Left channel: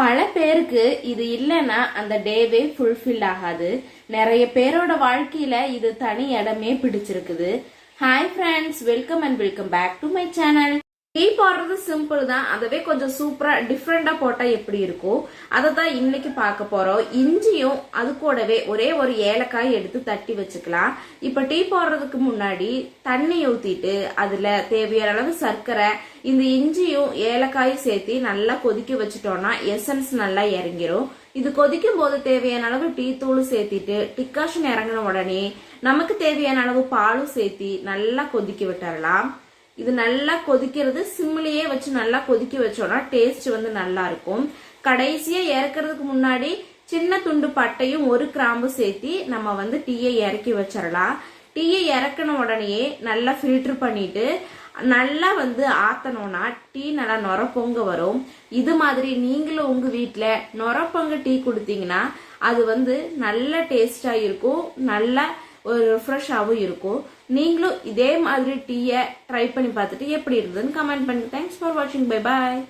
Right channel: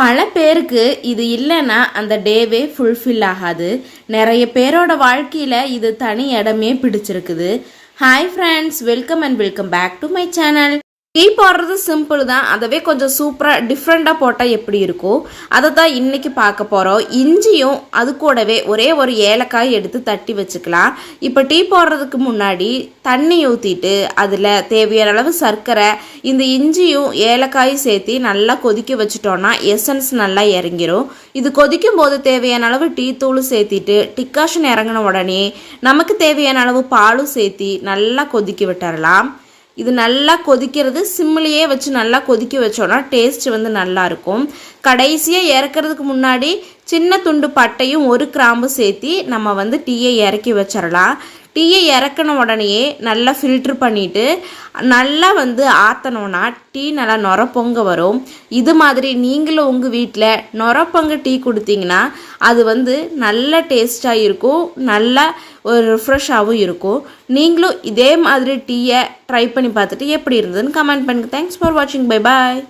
பல பேருக்கு இது இல்லைன்னா அந்த டேவே ஃபுல்ஃபில் ஆகாது. நிறைய பேரோட வாழ்க்கையில் இது தனி இடமே பிடிச்சிருக்குது. Hi friends, welcome and welcome back to my channel. Tea போடுறது சிம்பிள் தான், அதவே கொஞ்சம் சூப்பராக டிஃப்ரெண்ட்டாக போட்டால் எப்படி இருக்கும் அதை தான் இன்றைக்கி பார்க்க போகிறோம். இஞ்சியும் அது கூடவே ஒரே ஒரு ஏலக்காய் எடுத்து தட்டி வச்சுக்கலாம். இப்போ டீ போடுறதுக்கு முன்னாடி தண்ணி ஊற்றிட்டு அதில் தேவையான அளவு சர்க்கரை, இந்த இஞ்சியும் ஏலக்காயும் சேர்த்து நல்லா கொதிக்க வச்சுட்டோன்னா எசன்ஸ் நல்லா இறங்கிரும். இது கொதிக்கும் போது தேவையான அளவு டீ தூளும் சேர்த்திட்டு டிக்காஷன் இறங்கின உடனே நமக்கு தேவையான அளவு பாலும் சேர்த்தி நல்லா கொதிக்க விட்டுறலாம். இது நல்லா கொதிக்கிறது சிம்மிலேயே வச்சு நல்லா கொதிக்க வச்சோன்னா டேஸ்ட் நல்லா இருக்கும். கடைசியாக இறக்கிறதுக்கு முன்னாடி சின்ன துண்டு பட்டையும் ஒரு கிராம்பு சேர்த்தி நம்ம டீயை இறக்கி வச்சிடலாம். டீயை இறக்கின உடனேயே நல்லா ஃபில்ட்ரு பண்ணிவிட்டு நல்லா ஆற்றணுன்னா டீ நல்லா நொரப்பொங்க வரும். இது மாதிரி நீங்களும் உங்கள் வீட்டில் நொரப்பொங்க டீ கொடுத்தீங்கன்னா அது நல்ல டேஸ்ட்டாக இருக்கும், நல்லா ஒரு ரிஃப்ரெஷ்ஷாகவும் இருக்கும். நீங்களும் இதே மாதிரி டீயை ட்ரை பண்ணி பார்த்துட்டு எப்படி இருந்ததுன்னு கமெண்ட் பண்ணுங்கள். தேங்க்ஸ் ஃபார் வாட்சிங். Bye bye.